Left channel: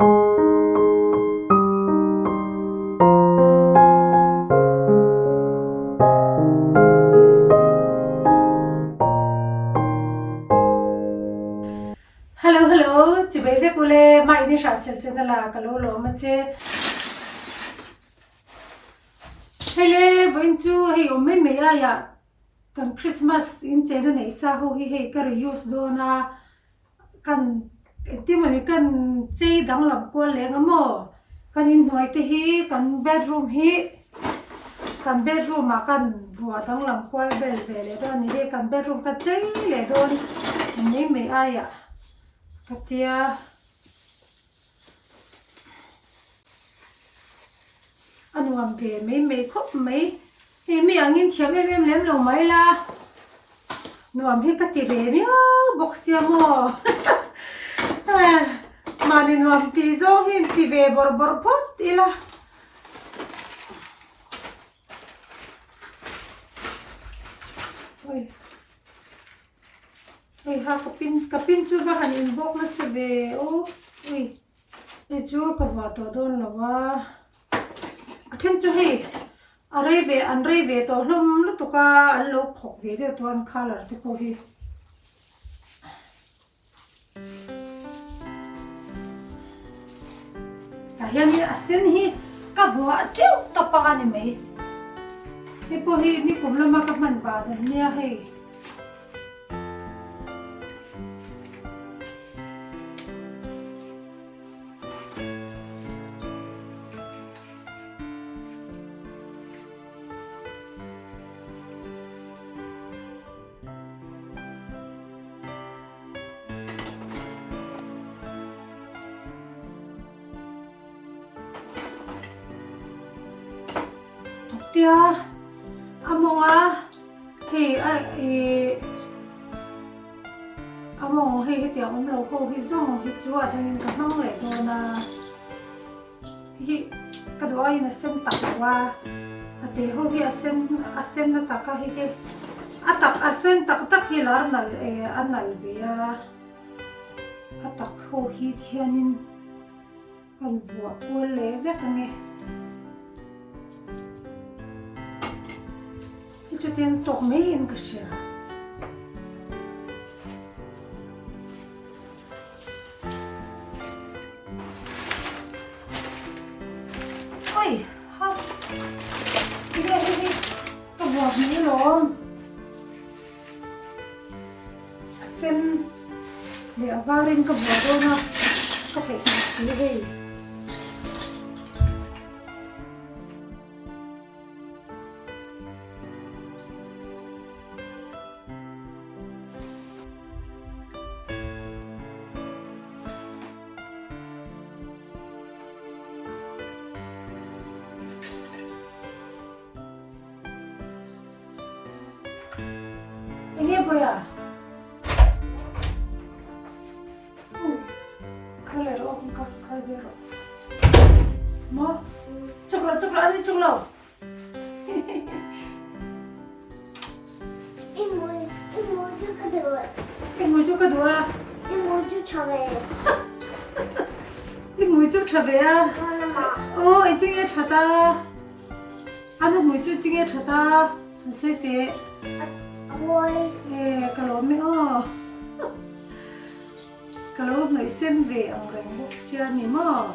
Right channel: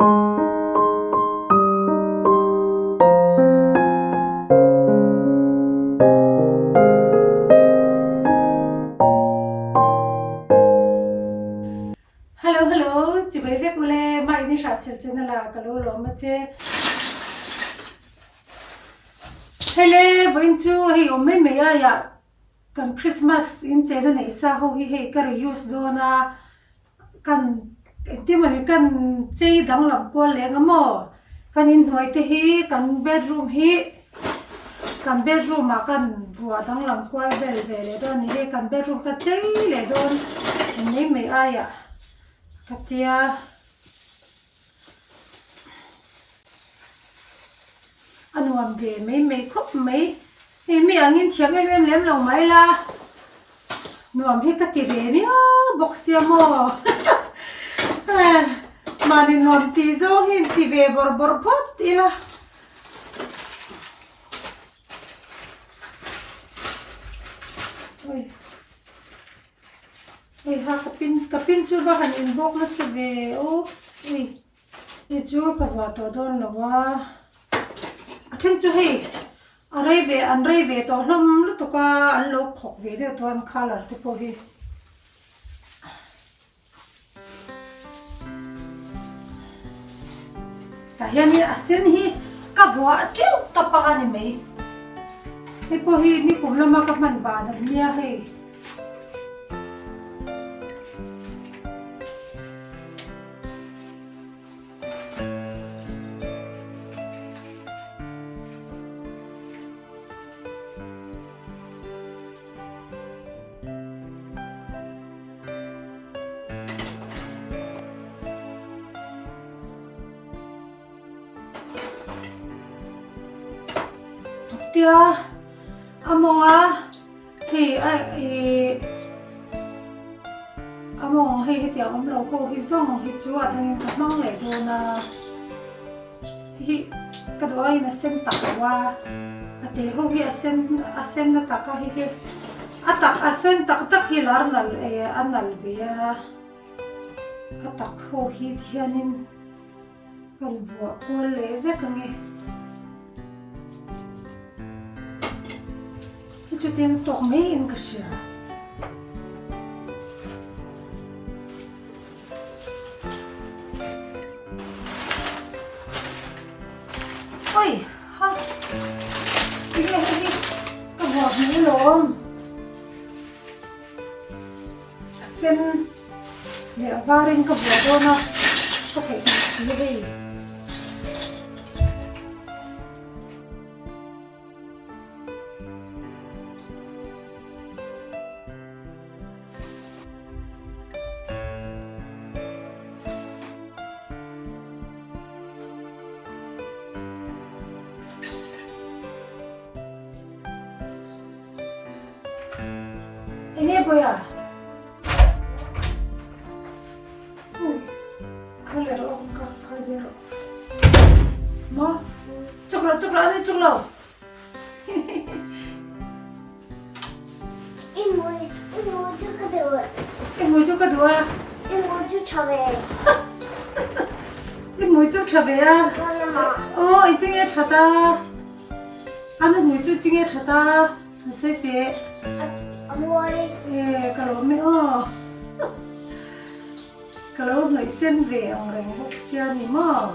Hello, chị bé viết cô lê mai đi sát sel trên là cả lô lô mà chế. Hele với chú hay ông mấy à cần Christmas in chế đó này sao hô hi cái reuse đó na cần tìm mình cần chế đăng làm qua lẽ ngắm mò cần in hoài thế hi cần bedroom mà cần vừa đăng làm qua về về đó này cần bedroom cái chế lẽ đó mấy à katia anu am ve mấy khóc mấy mi angin thiam em lem lo mai la nu am hi kati ve mi boxia mo mà đi nu am ti zo hin ti ve bor pot ila oi ha kapin chu va han in bok na se ve o ui ti chu ka va to don lawa athen chu hi an rei ve to hlom lu to ka an lo khok ve de to an color te po hi ka hian hi asen hi ka va tiu ta pa ni mai hi po hi ni kum lama ka man ba da nia hi tia amonga thì among hi tia om lo ko hi zong hi chuwa thang ka mang le do na hi ka do ai na sem tak wa ate ho hi asen na taka hi atak asen tak hi lar nal anal via atak ho hi hianin kan wa ko le ve ka nge Itu tem tormein ka siya. Oi, ha. Sige. Kabuak mo ilong. Asin. Di avarin kabuak do na. Kapit na sige. Ini boya. Kalero ka kazero. Mo. Chuklo ani chuklo. Imu ju kadua. Imu ju chabe. Imu ju chabe ya. Oh, itingnya chata. Anu mu ju tingnya chata. Nasai te. Kalau me kalau người xin về ông rèn bốc xia ni mo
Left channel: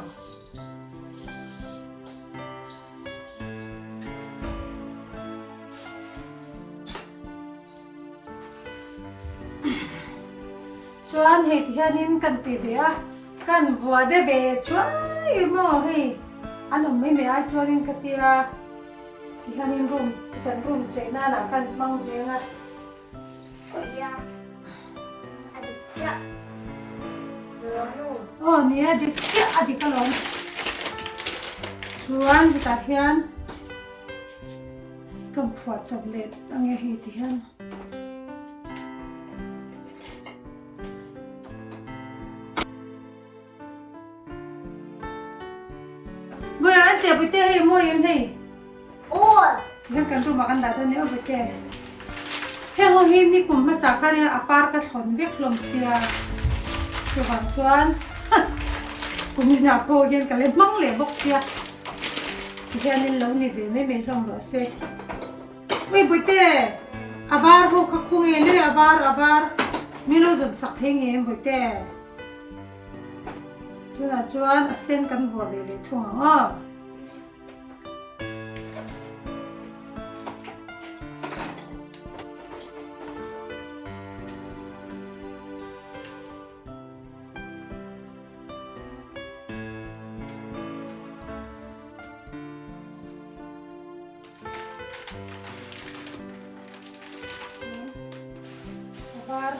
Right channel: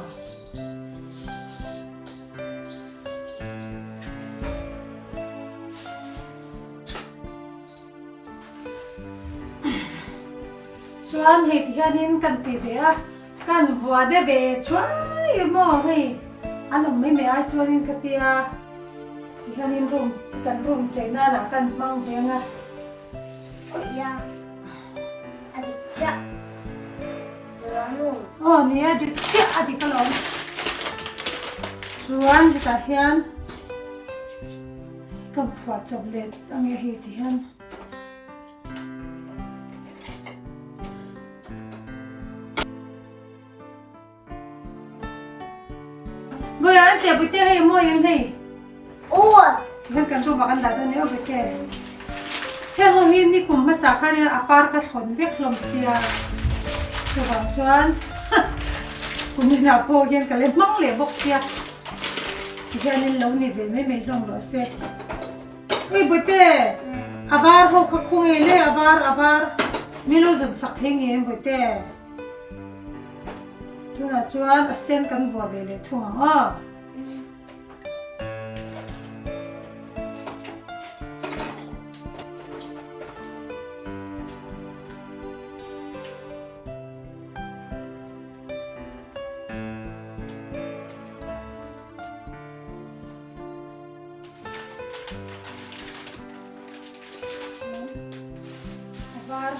chuan hei thì hanin kan ti ve a kan vua de ve chuai mo hei anam mai me ai chuanin katia thì hanin room che na kan mang venga nia di tia adi kalon chuan di ta hian kan phuat chocolate ange hi ti hian boya ante bute hei mo yun hei hian kan ru makan da ni o bute he ho hi ni kum ma sa kha ni apar ka thon vek hlom sia chu bang chuan กูมีหน้าโปเย็นกันเลยมั่งเลยบอกเสียแค่นี้เรานี่เดี๋ยวไม่ลงหรอเซ่อุ้ยบุตรอาบาร์เขาคงเองเลยอาบาร์ไม่รู้จะสักเท่งเองบุตรตัวน่ะจวนเส้นกันบัวเวเลยทุ่งอ๋ออาบาร์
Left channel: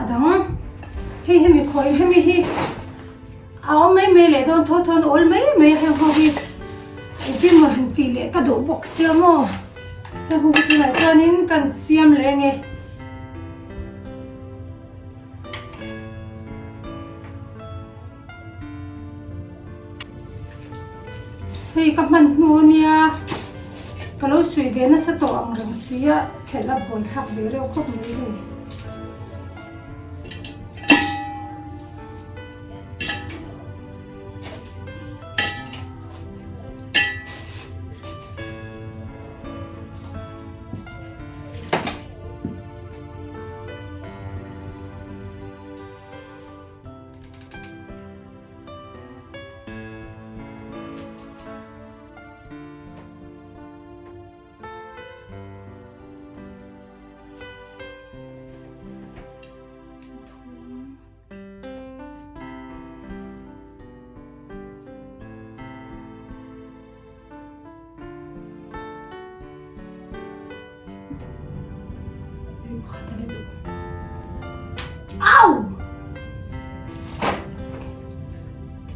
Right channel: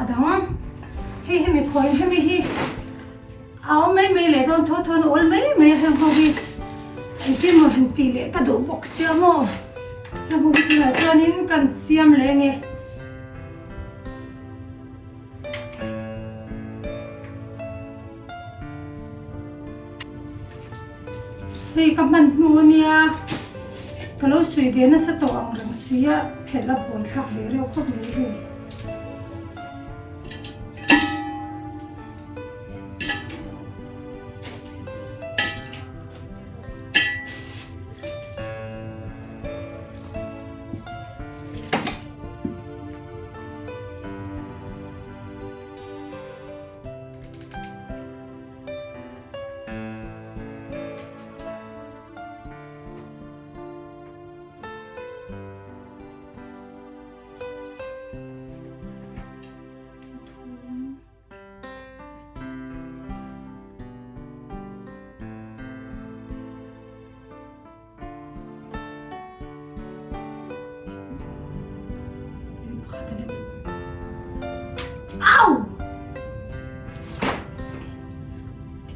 adam he mi khoi he mi hi aw mai mai le don thon ol mai mai he ho hi ti mo han ti le ka do box ya mo he ho ti la chanin kan siam le nge hey ka man nu nia ka lo sui ge na sa to ang rang sia khela bon thak le re khop mai ge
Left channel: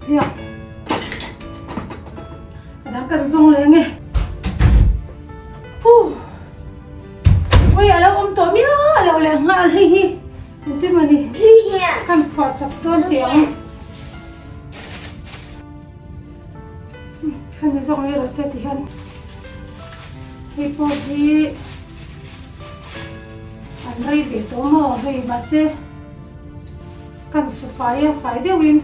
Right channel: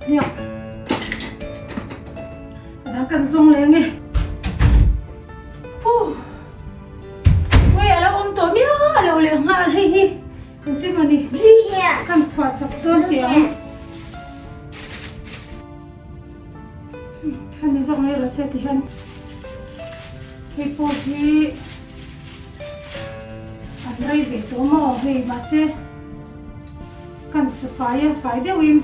liang adam kan zong le nge ui alo to mi alo le nga hi hi ti mani Yeah. kan phwa chap ton tiang kan zong le ro se ti han hi po hi an rai ve to mo hi ma se kan se fai de win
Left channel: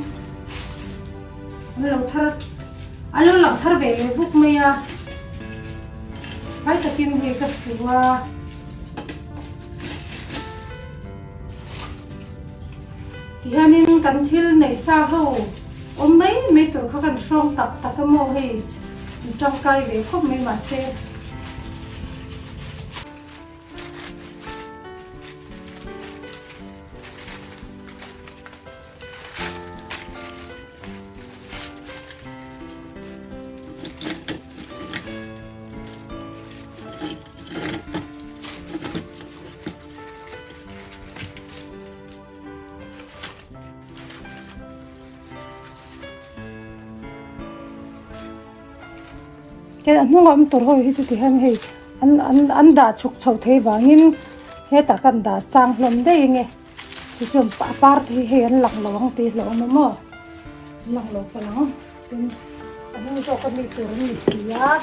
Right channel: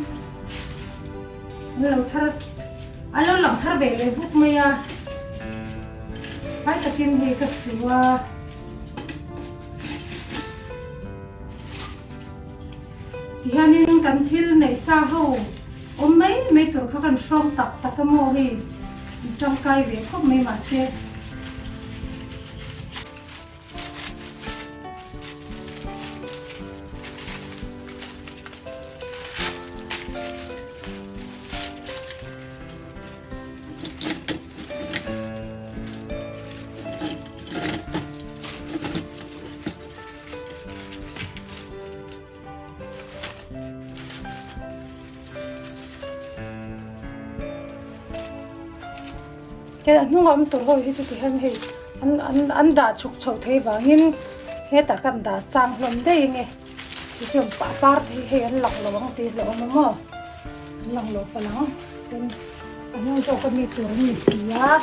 alo lam thar ve le buk me ya fai ta tin he ka suwa ti hanin kan thil nei sa ho om mai tur kha kan shrong tak mo hi chang kai ve khop mai ma se cái anh không am tur hoi hi chu ti han hei an da chuk chho the wangin he ta kan da sang hlom de nge chu chum pa par thi he an lang long ti lo mo lang lo ka lang anh cho con mi tur mi sia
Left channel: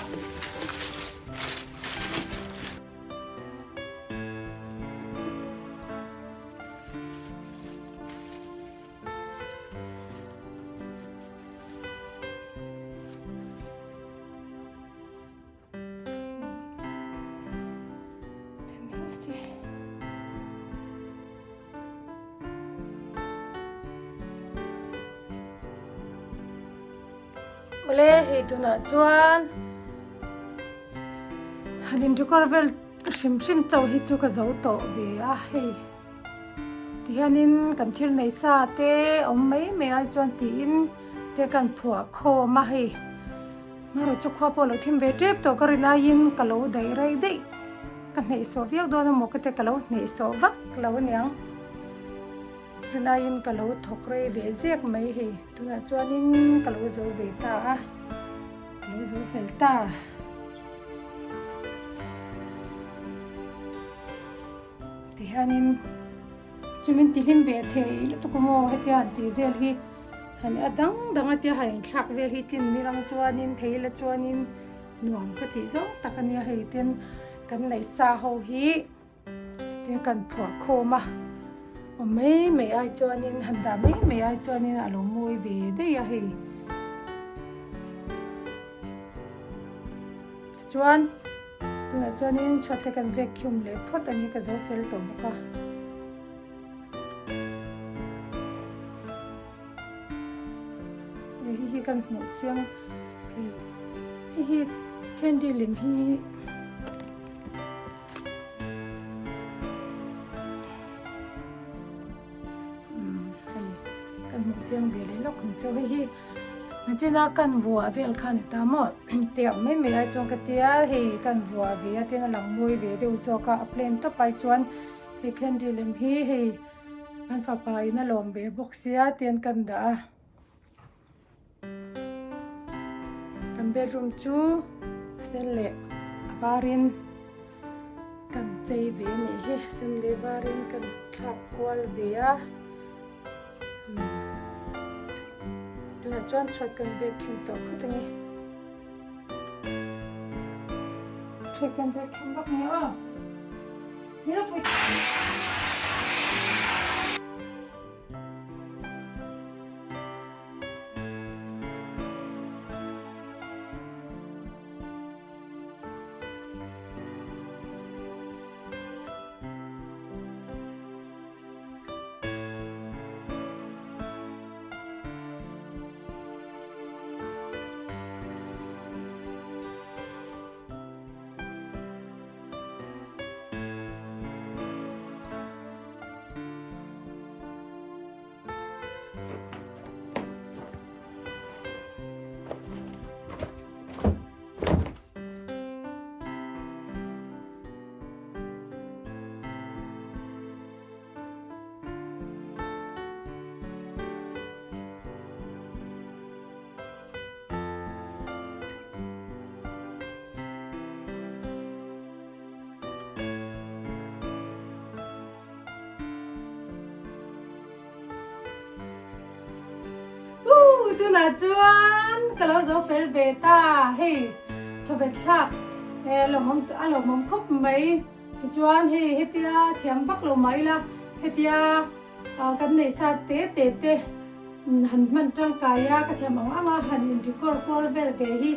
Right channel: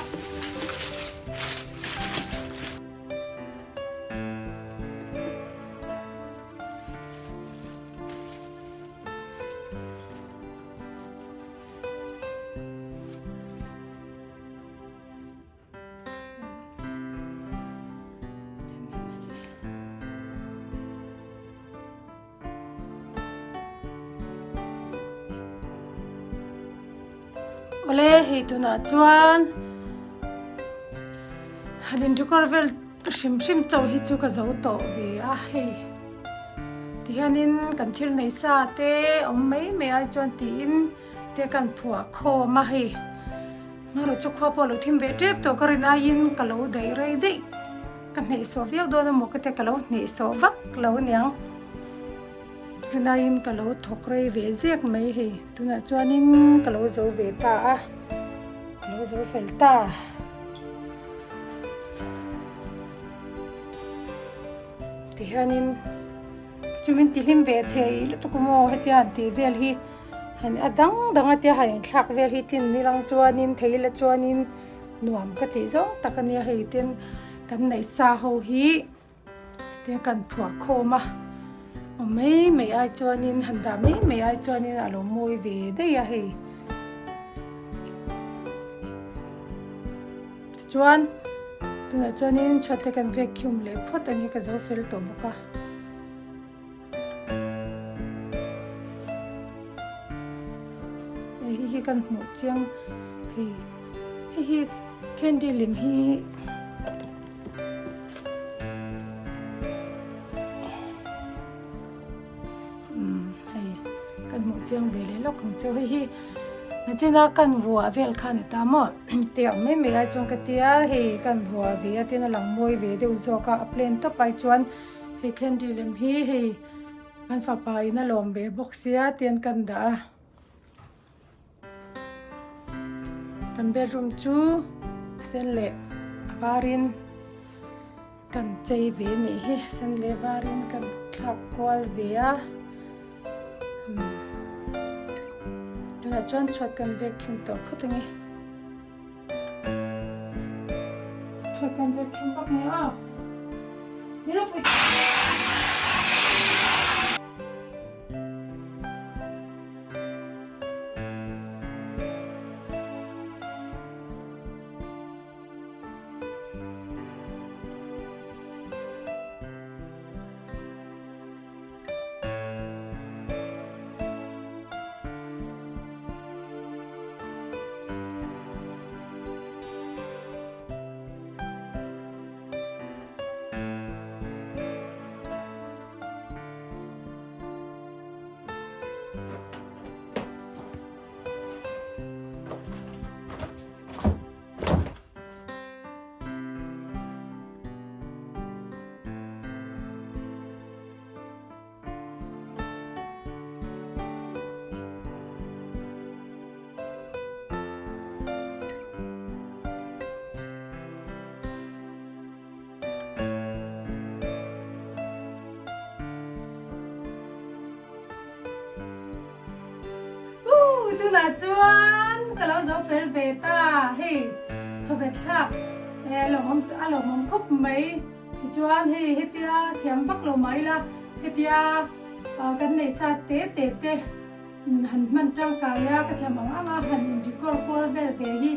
ole hi tuna chuan hanin du korvel shim chaw hi chu ka zo to ve a hei ti hanin kan thil nei sa te om mai me ai chuan ti in te kan phua kho ma hei maro chu kho polo thim ve tep to karin ain kalo dei rei dei kan nei so viak do na mo ka te kalo nei so vak lo niang rinain kalo thok rei ve zek mai hei tuna chuanin kalo zo ve ta a kalo zo fel ta ti hanin chumin tilim ve thei la to komo hetian ti vel hi han adang danga te hain thak vel hi tin nilang chuanin theila chuanin nuam ka ti zo takania hei ten kan nei sa ho hi te kan phua khoma mấy ai cho nên hành đã mấy ai cho nên alo môi về đây à hì chuan tôi nói cho nên cho tay cần vacuum lấy phốt anh ấy cái dấu phèn tổ bốc à hi cần một chiang hi candy lim hi một chương về lấy lúc không cho hi nó chỉ là cần vua về khăn ta mà tiệm mấy ai trong cái tia thì cần vua về thì nó lằng môi về đều do cả plane top bay chuan thì candy lem hi thì cần phải bay nó lom về boxia tiền cần đã cần bedroom chu sen lệ varin cần chơi về này hi sen lệ varin cần khap qual về tuna chuan chhuat kan vacuum to phutangi chhuat kan vacuum bak ni a mira pui tu na chuan kalau zo fel ve ta hei tho ve thak lom mom khop mai ti chuan hei hetia thiam vak lo mai la hetia kan nei sa te han man tang kaya ka thiam anga han in di kor vel ve hi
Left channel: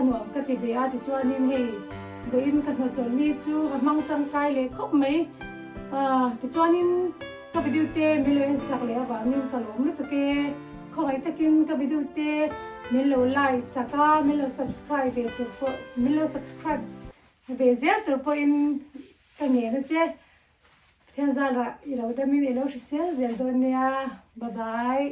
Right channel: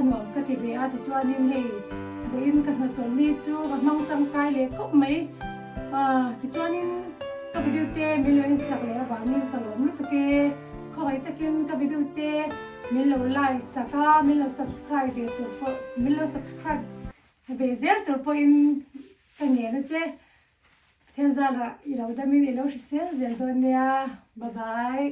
anwa ka ti ve a ti chuan in hei zoin kan ma chon ni chu ka mang tang kai le khop mai ti chuan in ka video te miloin sak le awangin ka lom lu to ke khongai takin ka video te milo like saka milo subscribe ve tu po milo subscribe ve zel tu po in ka nge na che thian za ra i lo da min i lo zel zel don nia bye bye